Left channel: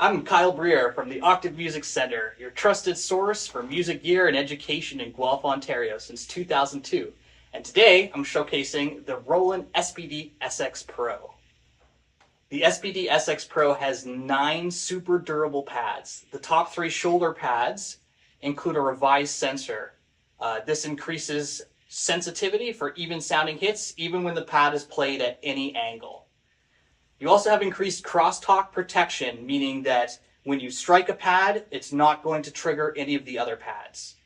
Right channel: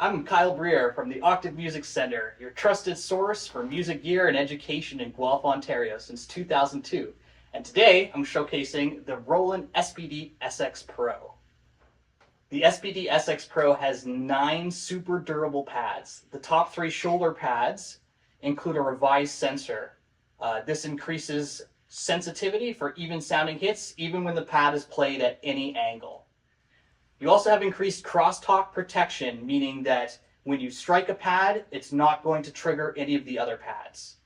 I'm Kyle Breer from the Octave Music Center, your trusted source for music gear and education in Guelph, Ontario since 2002. And today I'm showcasing the Roland SPD-SX Pro. The SPD-SX Pro has 9 super durable pads. The top 3 shoulder pads include a revised sensor. This increases sensitivity for even sounding hits, even when the pad is played at any angle. You also have increased crosstalk protection, meaning that when you strike a pad, it's not going to trigger any of the other pads.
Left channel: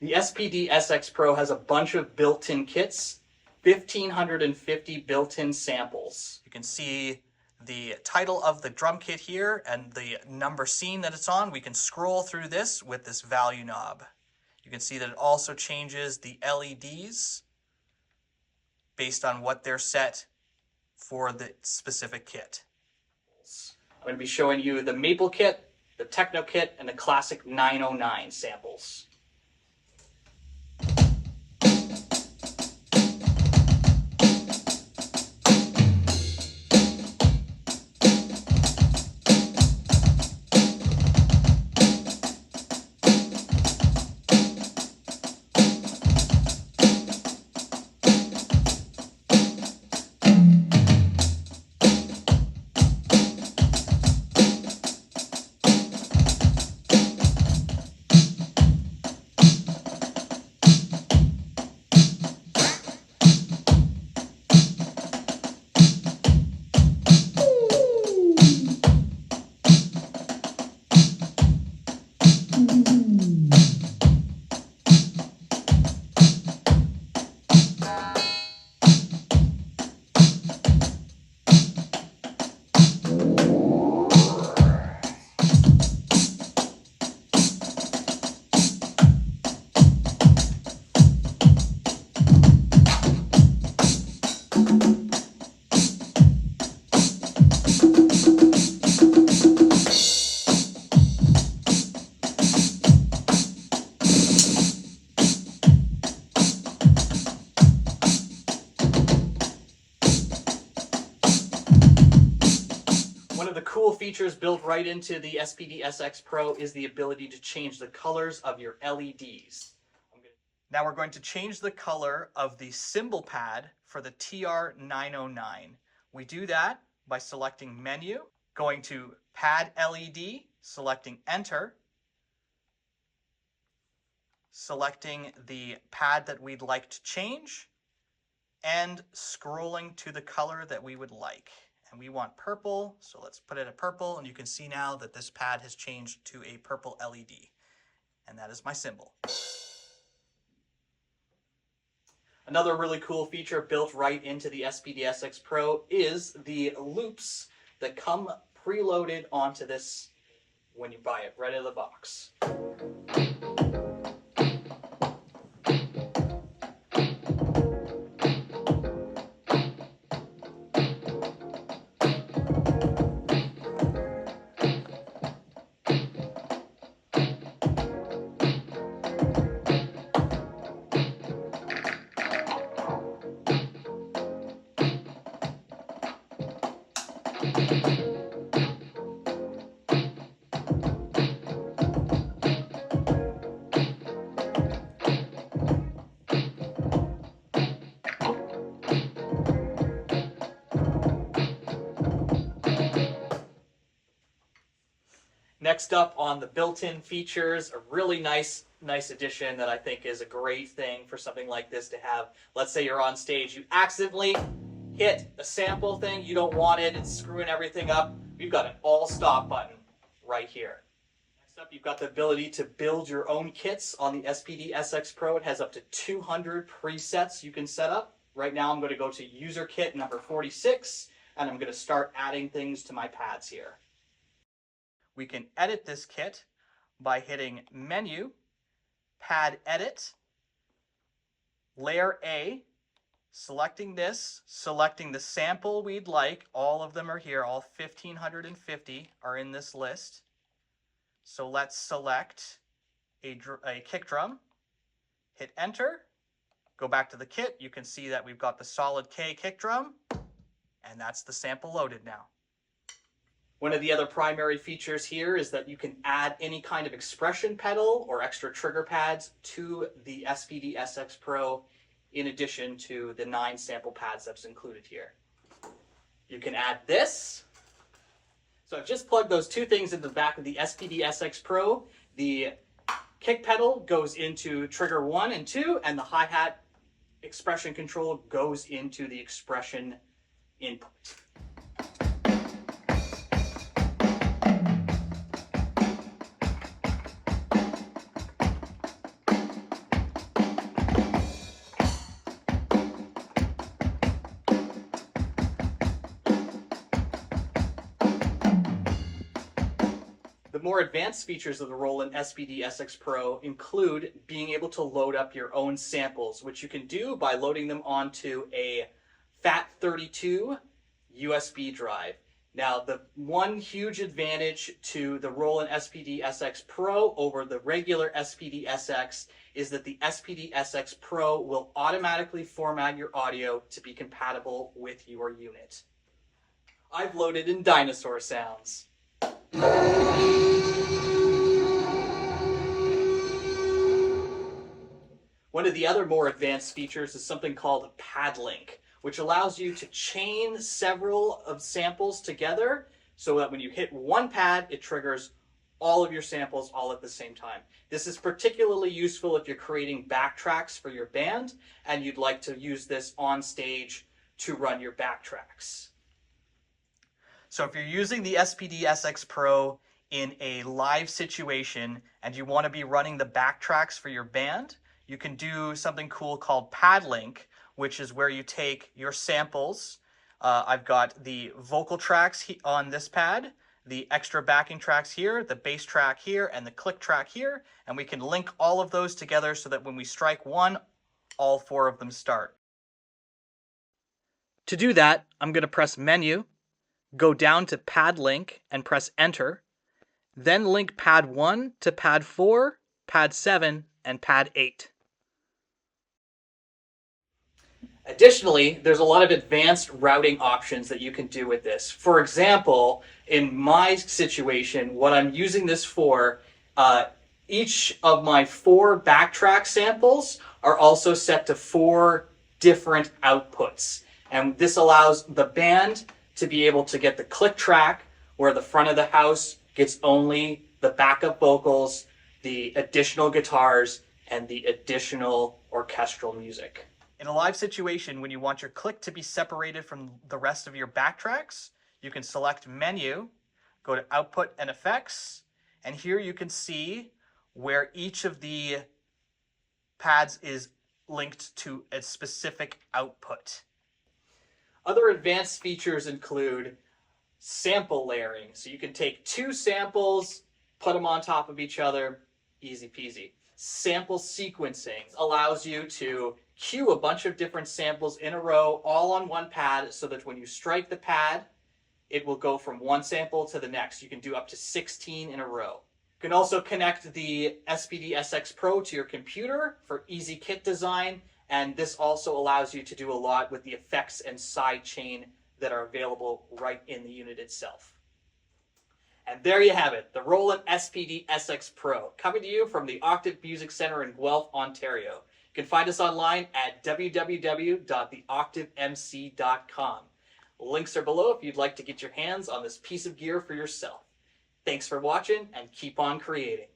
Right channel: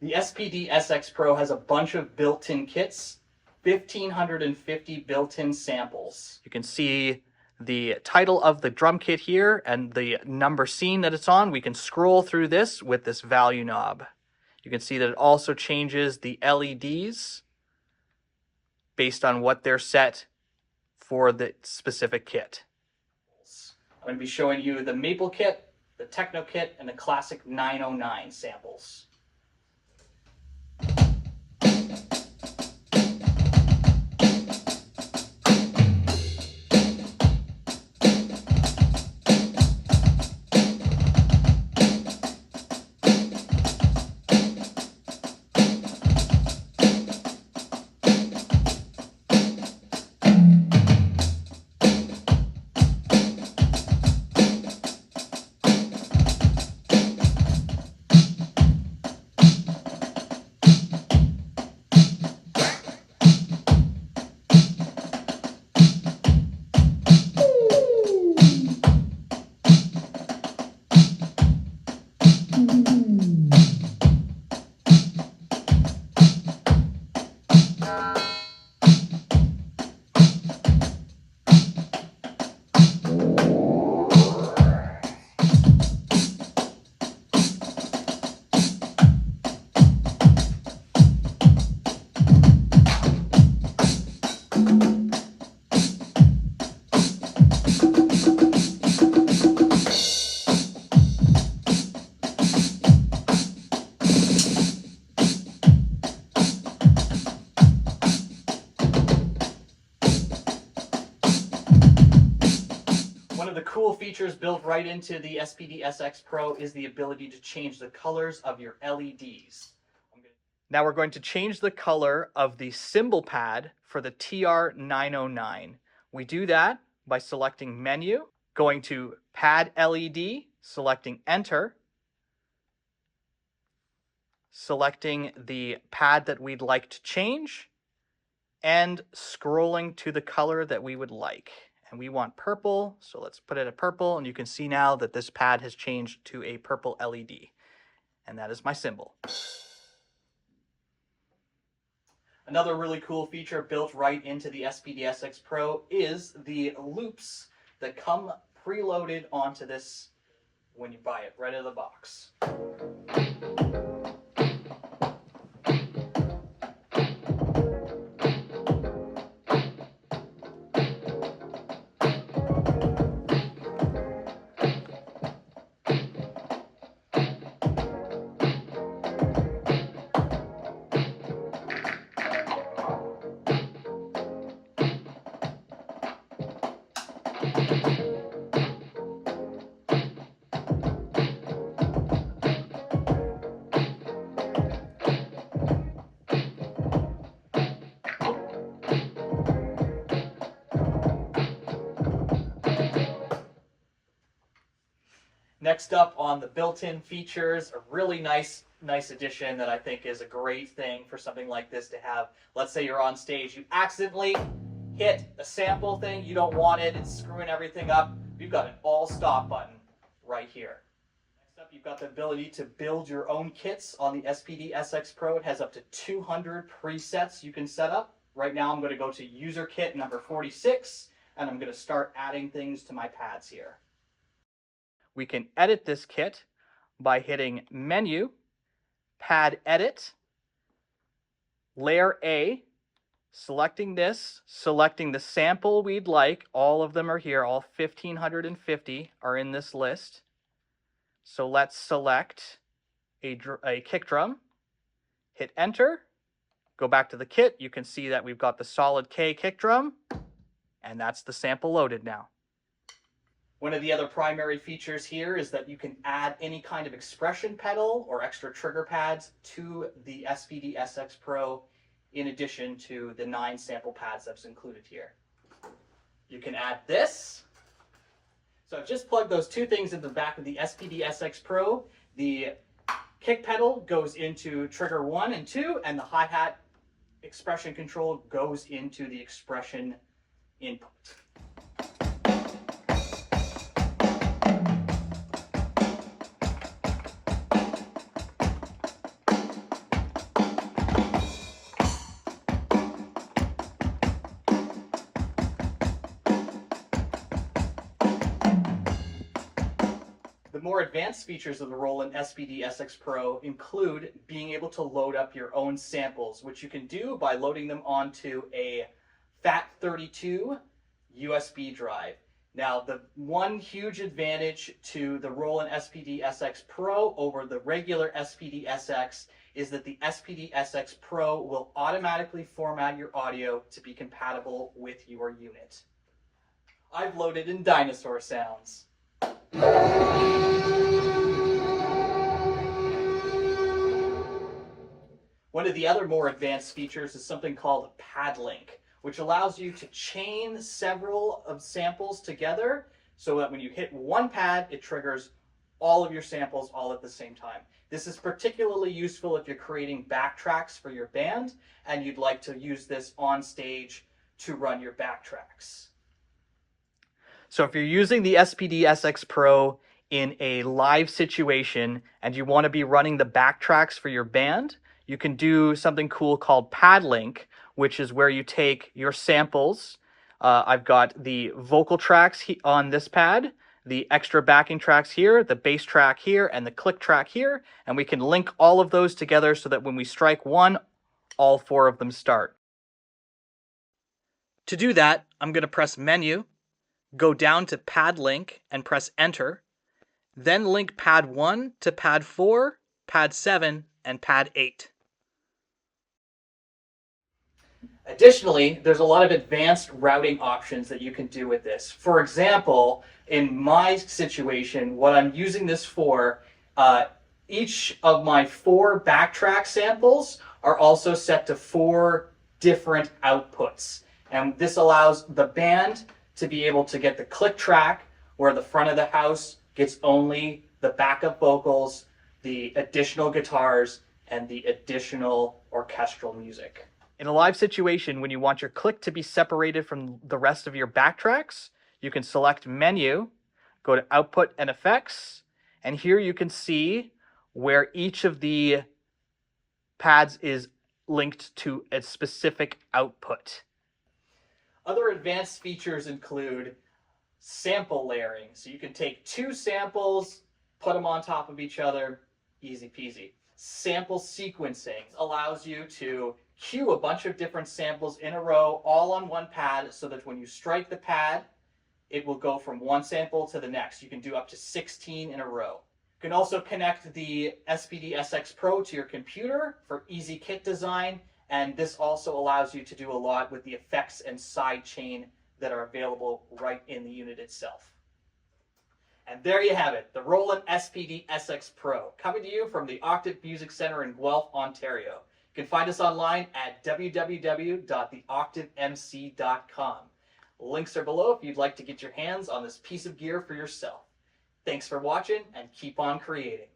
The SPD-SX Pro has a bunch of built-in kits, 1,550 built-in samples. You can see the title of the drum kit here and the number scene that it's on. We can scroll through this with this value knob. You can see that it also changes the LEDs based on what they're set for the specific kit. I'm going to be showing you the Maple kit, the Techno kit, and the Classic 909 samples. One of the cool features built right into the SPD-SX Pro is the ability to change the colors of your LEDs. Now we're going to change the color of the cymbal pad for the TR909. We do that by selecting Menu, going to Pad LED, selecting Enter, selecting the pad that we'd like to change, and scrolling to the color that we would like. And we want purple, so let's put it at purple, and you can see now that this pad has changed to a purple LED. And that is my cymbal. Another really cool feature built right into the SPD-SX Pro is the loops that come preloaded onto this when you buy it right out of the box. Next up on the built-in features, a really nice addition that I think is a great thing for something like this to have. Let's say you're on stage, you accidentally hit a sample thing, you don't want it, it's screwing everything up. We've got an all stop button right here. Next up, you've got the ability to build your own kits on the SPD-SX Pro. It has up to 200 presets you can set up. Right now I'm going to go to user kit number 46, and I'm going to start adding things to my pads here. We can edit this kit by hitting Menu, Pad Edit, Layer A, selecting this, selecting the sample we'd like. All of them are here. All 1,550 are in this list. So let's select a kick drum, hit Enter, go back to the kit. You can see that we've got the solid K kick drum, and that's the sample loaded now. One of the other primary features here is that you can add any kind of expression pedal or extra trigger pads to the SPD-SX Pro in addition to the 9 sample pads that's included here. You can add this. So I've just plugged those 2 things into the back of the SPD-SX Pro. The kick pedal goes into trigger 1 and 2, and the hi-hat expression control goes into the expression input. The more advanced features of the Roland SPD-SX Pro include being able to load up your own samples, which you can do by loading them onto a FAT32 USB drive. Now, the one huge advantage to the Roland SPD-SX Pro over the regular SPD-SX is that the SPD-SX Pro will automatically format your audio to be compatible with your unit. I've loaded in dinosaur sounds. One of the other more advanced features is something called Pad Link, which allows you to chain several of samples together so that when you hit one pad, it triggers all of your samples all at the same time. This is particularly useful if you're creating backtracks for your band and you'd like to use this on stage to run your backtracks. So if you're using the SPD-SX Pro in a live situation and you want to be running the backtracks for your band, you can do something cool called Pad Link, which is where you take your samples. I've got the vocal tracks on this pad, the extra backing tracks here, the bass track here, and the click track here, and we can link all of those together so that when we strike one, all 4 of them start. To do that, I'm going to press Menu, go down to Pad Link, and press Enter, then link Pad 1 to Pad 4, Pad 7, and Pad 8. Additionally, there's a lot of advanced routing options that you can do with this. For example, in my situation, what I'm using this for, each of my 4 backtrack samples are also set to 4 different outputs. And this allows the band to be able to get the click track where the front of the house gets only the backup vocals, the additional guitars, and the additional orchestral music. In a live situation, when you want your click to be separated from the rest of your backtracks, you can select Menu, go to Output and Effects, and here you can see where each of the pads is linked to a specific output. Other advanced features include sample layering. So you can take 2 samples, put them on top of each other, easy peasy. Sample sequencing allows you to queue a bunch of different samples in a row, all on one pad, so that when you strike the pad, it will go from one sample to the next. You can do up to 16 in a row. You can also connect the SPD-SX Pro to your computer for easy kit design, and this also allows you to do a lot with the effects and sidechain that are available right in the unit itself. And there you have it, the Roland SPD-SX Pro, coming to you from the Octave Music Center in Guelph, Ontario. You can find us online at www.theoctavemc.com. Links are below if you'd like to get your hands on this piece of gear for yourself. Thanks for watching, and keep on creating.